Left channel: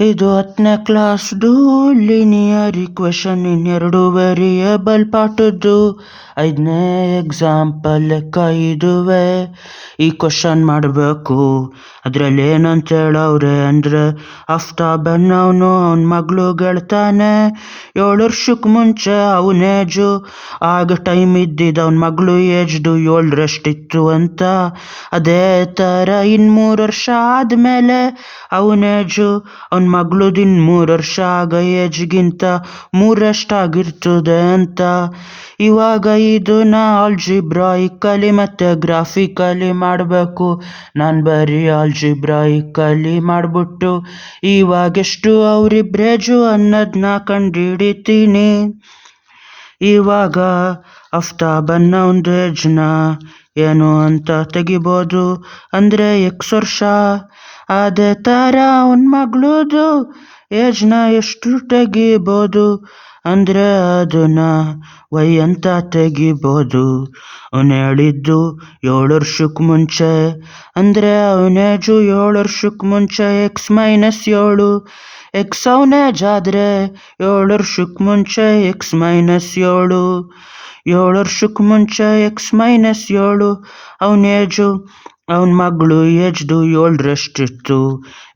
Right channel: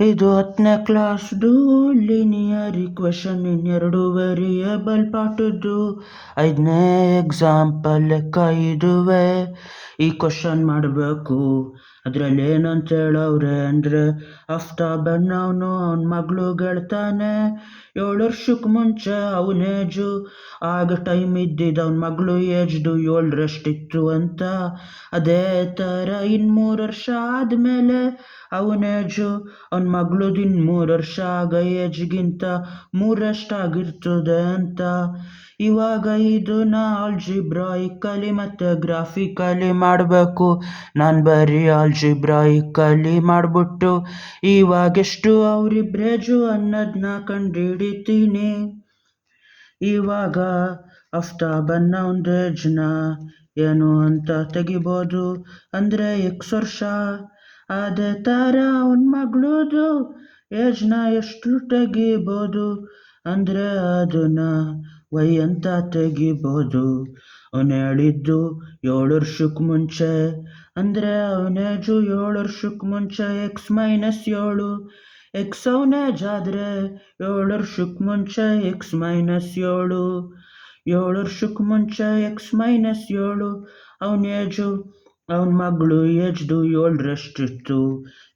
ಇದು 10ನೇ ಕ್ಲಾಸ್ದು linear equation ಇನ್ 2 variable ಪಾಠದ್ದು 5ನೇ example ಲೆಕ್ಕ ಇದುವೆ. ಈ ಕ್ವಶನ್ ಮಾಡಬೇಕು. ಅದರಲ್ಲಿ ಏನಂತ ಹೇಳವ್ರೆ ಅಂದರೆ, ಆಫ್ತಾಬನ್ ಅವನ ಮಗಳು ಗೆಳ್ತಾನೆ 7 ವರ್ಷಕ್ಕೆ ಮುಂಚೆ ಅವನ ಏಜು, ಆಗ ಟೈಮ್ ಇದ್ದಿದ್ದು ಅವನ ಮಗಳು ಏಜ್ದು 7ರಷ್ಟಿತ್ತು ಅಂತ. ಅದೇ ಥರ ಇನ್ನು 3 ವರ್ಷ ಆದಮೇಲೆ ಅವನ ಏಜು ಅವನ ಮಗಳದು ಇನ್ನು 3 ವರ್ಷ ಆಗ ಏಜ್ಗಿಂತ 3ರಷ್ಟಾಗಿರ್ತದೆ ಅಂತ. ಇವಾಗ ಇದನ್ನ ಆಲ್ಜಿಬ್ರಾಯಿಕಲಿ ಮತ್ತು ಗ್ರಾಫಿಕಲಿ ಮಾಡಬೇಕು. ನಾನು ಬರೀ ಆಲ್ಜಿಬ್ರಾಯಿಕಲಿ ಮಾಡಿಬಿಟ್ಟು ಇವಾಗ ಎಷ್ಟು ಅವರಿಬ್ರೇಜು ಅನ್ನೋದನ್ನ ಕಂಡುಹಿಡಿತೀನಿ. ಇವಾಗ ಆಫ್ತಾಬನ್ ಅವನದು ಏಜ್ನ ಏನು ಅಂತ ತೆಗಿಬೋದು, ಅಂದರೆ X ವರ್ಷ. ಅದೇ ಥರ ಅವನ ಮಗಳದು ಏಜ್ನ ಎಷ್ಟು ತೆಗಿಬೋದು ಅಂದರೆ ಅದನ್ನ Y ಅಂತ ತೆಗಿಬೋದು. ಅವನು ಹೇಳಿದ್ದು 7 ವರ್ಷಕ್ಕೆ ಮುಂಚೆ, ಅಂದರೆ ಅವನ ಏಜು 7 ವರ್ಷಕ್ಕೆ ಮುಂಚೆ X - 7. X ಅವನ ಏಜ್ ಆದರೆ 7 ವರ್ಷಕ್ಕೆ ಮುಂಚೆ X - 7. 7 ವರ್ಷಕ್ಕೆ ಮುಂಚೆ X - 7 ಅವನ ಏಜು ಅವನ ಮಗಳು ಏಜ್ದು 7ರಷ್ಟಿತ್ತು.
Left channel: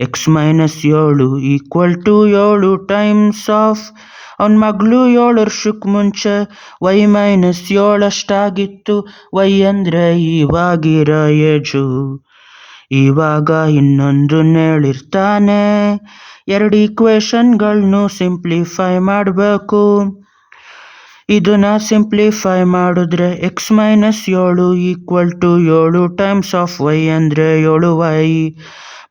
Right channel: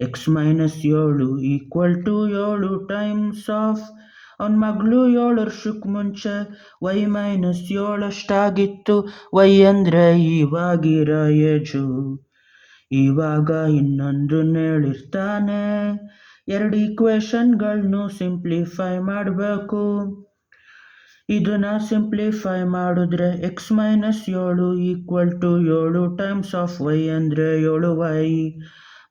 X - 7 = 7 ಟೈಮ್ಸ್ ಆಫ್ ಅವನ ಮಗಳು 7 ವರ್ಷಕ್ಕೆ ಮುಂಚೆ Y - 7 ಅಷ್ಟಾಗಿತ್ತು. Y ಅಂದರೆ ಇವಾಗಿರೋ ಏಜು. ಇವಾಗ ಇನ್ನೊಂದನ್ನು ಹೇಳಿರ್ತಾನೆ, 2 ಈಕ್ವೇಷನ್ಗಳನ್ನು ಸಿಂಪ್ಲಿಫೈ ಮಾಡಬೇಕು. ಇದನ್ನ ಸಿಂಪ್ಲಿಫೈ ಮಾಡಿದ್ರೆ X - 7 = 7 ಟೈಮ್ಸ್ ಆಫ್ Y ಅಂದರೆ 7Y,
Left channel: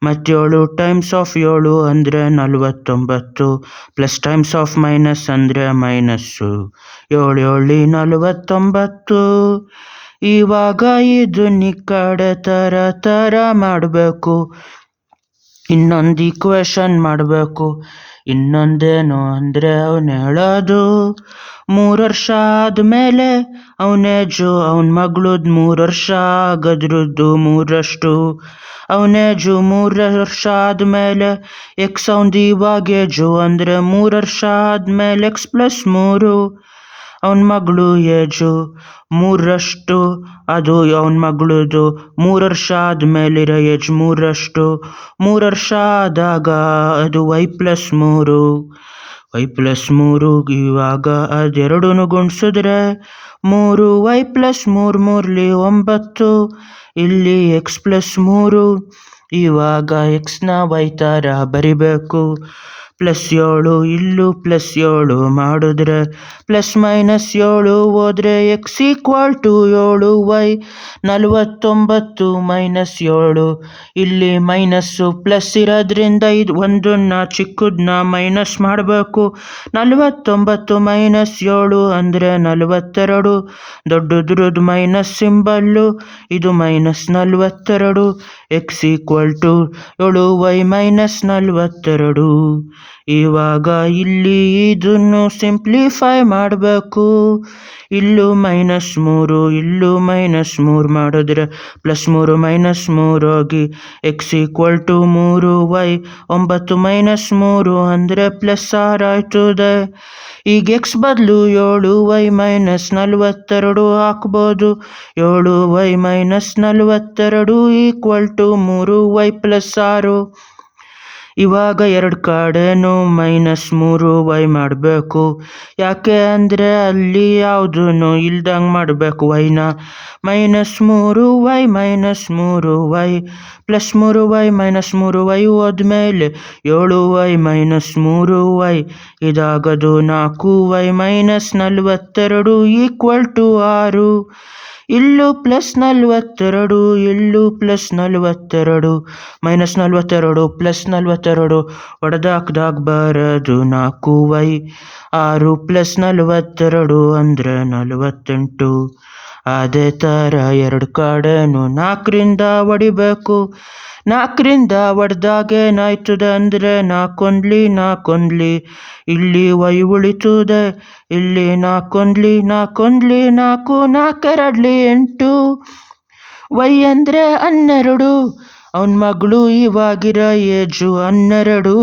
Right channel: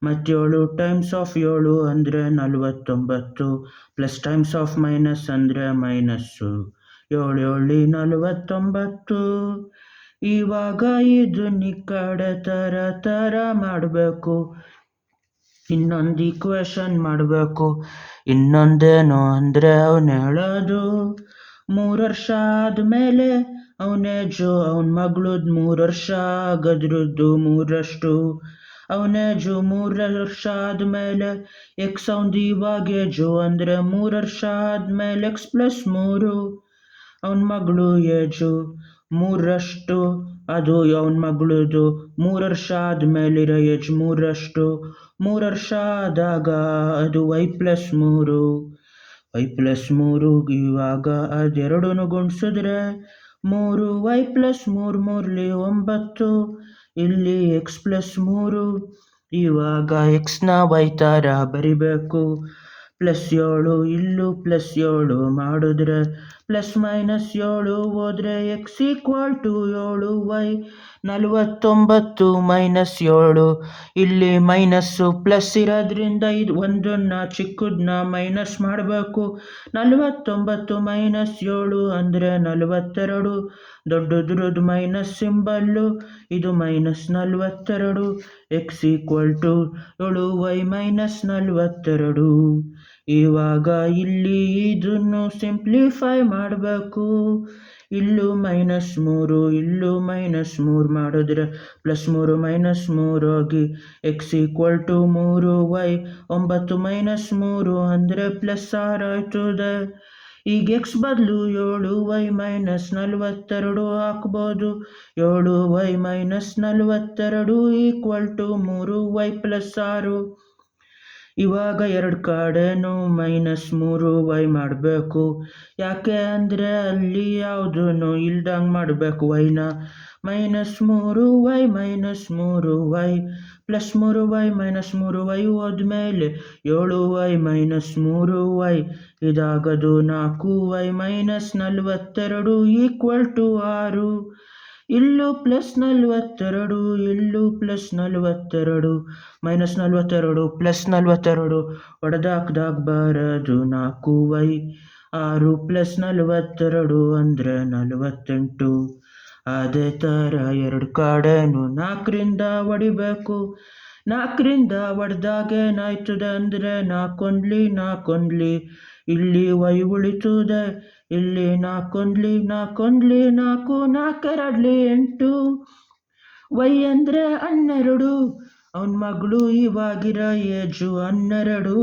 ಮತ್ತು 7 ಟೈಮ್ಸ್ ಆಫ್ 7 ಅಂದರೆ 49, ಪ್ಲಸ್ ಟೈಮ್ಸ್ ಆಫ್ ಮೈನಸ್ ಅಂದರೆ ಮೈನಸ್ಸು. 7 7 49. ಇವಾಗ ಇದನ್ನ ಈ ಕಡೆ ಥರ ಮಾಡಬೇಕು. ಇನ್ನೊಂದು ಈಕ್ವೇಷನ್ ಮಾಡಬೇಕು. ಇನ್ನೊಂದೇನು ಅಂದರೆ ಅವನು ಹೇಳೋದು 3 ವರ್ಷ ಆದಮೇಲೆ ಅವನ ಏಜು ಅವನ ಮಗಳದ್ದು 3 ವರ್ಷ ಆಗೋದ್ರದ್ದು 3ರಷ್ಟು. ಅವನ ಏಜು 3 ವರ್ಷ ಆದಮೇಲೆ X ಅವನದು ಇವಾಗ ಏಜು, ಅಂದರೆ 3 ವರ್ಷ ಆದಮೇಲೆ X + 3. ಅವನ ಮಗಳು ಏಜು 3ರಷ್ಟು, ಅದು ಅವನ ಮಗಳದು 3 ವರ್ಷ ಆದಮೇಲಿರೋ ಏಜ್ 3ರಷ್ಟು. 3 ವರ್ಷ ಆದಾಗ ಅದು Y + 3. Y + 3 ಇವಾಗ ಅದೆರಡೂ ಗುಣಿಸಿದ್ರೆ 3Y + 3 3 9. ಇಲ್ಲಿ X + 3. ಇವಾಗ Xನ Y ಥರ ಬರಿಬೇಕು. +7 ಇಲ್ಲೂ +7 ಮಾಡಿದ್ರೆ +- 7 ಹೋದರೆ X = 7Y. 49 - 7. ಇಲ್ಲಿ ಮೈನಸ್ಸು ಪ್ಲಸ್ ಇರೋದ್ರಿಂದ ಇದು ಒಂದನ್ನ ಚಿಕ್ಕದನ್ನ ಮೈನಸ್ ಮಾಡಬೇಕು. 49 - 7 ಅಂದರೆ 42. ದೊಡ್ಡದ್ರದ್ದು ಮೈನಸ್ ಸಿಂಬಲ್ಲು, ಇದು -42. X = 7Y - 42. ಇವಾಗ ಇಲ್ಲಿ ಇದನ್ನು ಸಿಂಪ್ಲಿಫೈ ಮಾಡಬೇಕು. ಇಲ್ಲೂ -3 ಇಲ್ಲೂ -3 ಮಾಡಿದ್ರೆ +3 - 3 ಹೋಗಿ X = 3Y. 9 - 3 ಅಂದರೆ +6 ಆಯ್ತದೆ. ಈಗ X ಬದಲು 7Y - 42 ಹಾಕ್ಬೋದು. 7Y - 42 = 3Y + 6. ಇವಾಗ 2 ಕಡೆನೂ -3Y ಮಾಡಬೇಕು. ಯಾಕೆ ಅಂದರೆ ಅಲ್ಲಿ ಯಾವುದೂ ಇಲ್ದಂಗೆ ಮಾಡಬೇಕು. Yನ -3Y - 3Y +3Y - 3Y ಹೋದ್ಮೇಲೆ 7Y - 3Y. ಇದಾಗೋದು 4Y - 42 = 6. ಇಲ್ಲೂ +42 ಇಲ್ಲೂ +42. -42 +42 ಹೊಡೆದಾಕ್ದಾಗ ಬರೋದು 4Y. 6 + 42 ಅಂದರೆ 48. ಅದೇ ಥರ 2 ಕಡೆನೂ 4ರಿಂದ ಹೊಡಿಬೇಕು. 4ರಿಂದ ಹೊಡೆದಾಗ ಏನಾಯ್ತದೆ ಅಂದರೆ 4 1 4 1. ಇಲ್ಲಿ Y ಉಳಿತದೆ. ಇಲ್ಲಿ 4 1 4 1 4 4 2 8. Y ಅಂದರೆ 12. ಅವನ ಮಗಳು ಇವಾಗಿರೋ ಏಜು 12.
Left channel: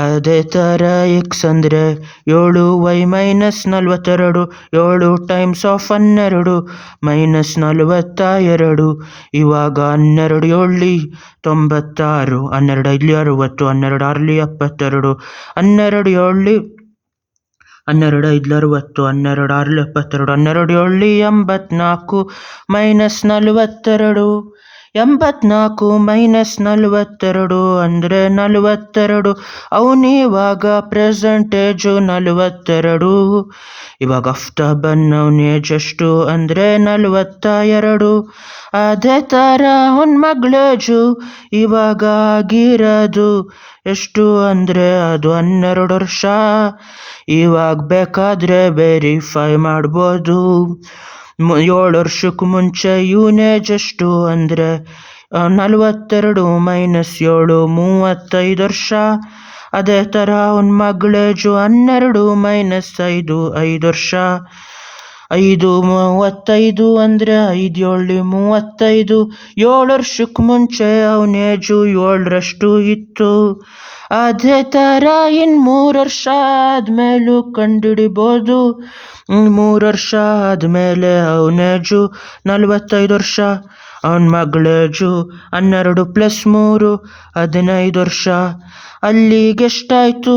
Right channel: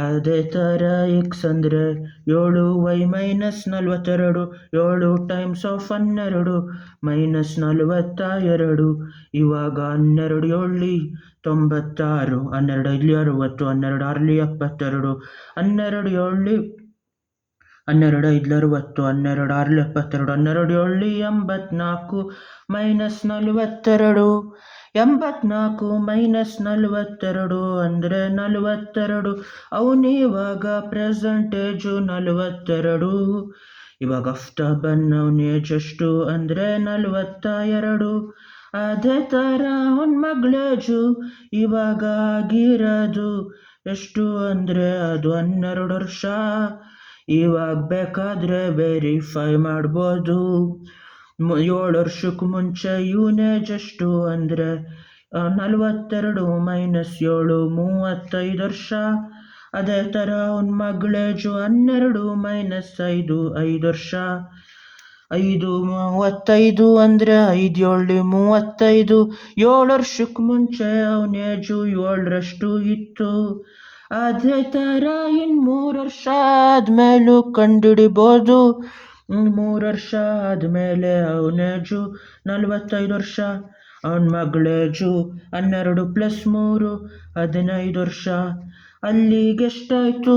ಅದೇ ಥರ ಎಕ್ಸ್ ಅಂದರೆ 7y minus 42. 7 times of 12 minus 42. ಇವಾಗ 12 7 96, 12 5 60, 12 6 72, 12 7 12 5 60, 12 6 72, 12 7 84 ಮೈನಸ್ 42. 84 ಮೈನಸ್ 42 ಅಂದರೆ 42. ಅವನಿವಾಗ ಪ್ರೆಸೆಂಟೇಜು 42. ಇವಾಗ ಆಫ್ಟರ್ ಅವನ ಏಜ್ ಎಷ್ಟು ಅಂದರೆ 42. ಅದೇ ಥರ ಅವನ ಮಗಳೇಜು ಇವಾಗ ಆಗಿರೋದು ಎಷ್ಟು ಅಂದರೆ ಅದು 12 ವರ್ಷ. ಇವಾಗ ಬೇಕಾದರೆ ವೆರಿಫೈ ಮಾಡ್ಬೋದು. 7 ವರ್ಷಕ್ಕೆ ಮುಂಚೆ ಇವನ ಏಜ್ ಎಷ್ಟು ಅಂದರೆ 42 ಮೈನಸ್ 7 35 ವರ್ಷ. ಅದೇ ಥರ ಅವನ ಮಗಳೇಜು 12 ಮೈನಸ್ 5 5 ವರ್ಷ. 5 35 ಅಂದರೆ 5 7 35. 7 ವರ್ಷಕ್ಕೆ ಮುಂಚೆ ಅವನ ಏಜು 7ರಷ್ಟು ಇತ್ತು. ಅದೇ ಥರ ಇನ್ನು 3 ವರ್ಷ ಆದಮೇಲೂ ಕಂಡುಹಿಡಿಬೋದು. 3 ವರ್ಷ ಆದಮೇಲೆ ಅವನ ಏಜು 45 ವರ್ಷ. ಅವನ ಮಗಳೇಜು 12 + 3 15 ವರ್ಷ. ಅಲ್ಲಿಗೆ ಎಷ್ಟಾಯಿತು?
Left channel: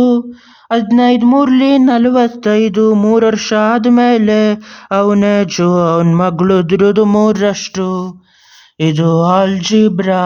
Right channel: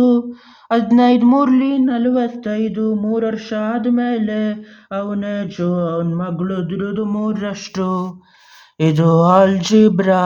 15 3 45. 3 ವರ್ಷ ಆದಮೇಲೆ ಅವನ ಏಜು ಅವನ ಮಗಳದ್ರದ್ದು 3ರಷ್ಟು. ಇದು ಆಲ್ಜಿಬ್ರಾ.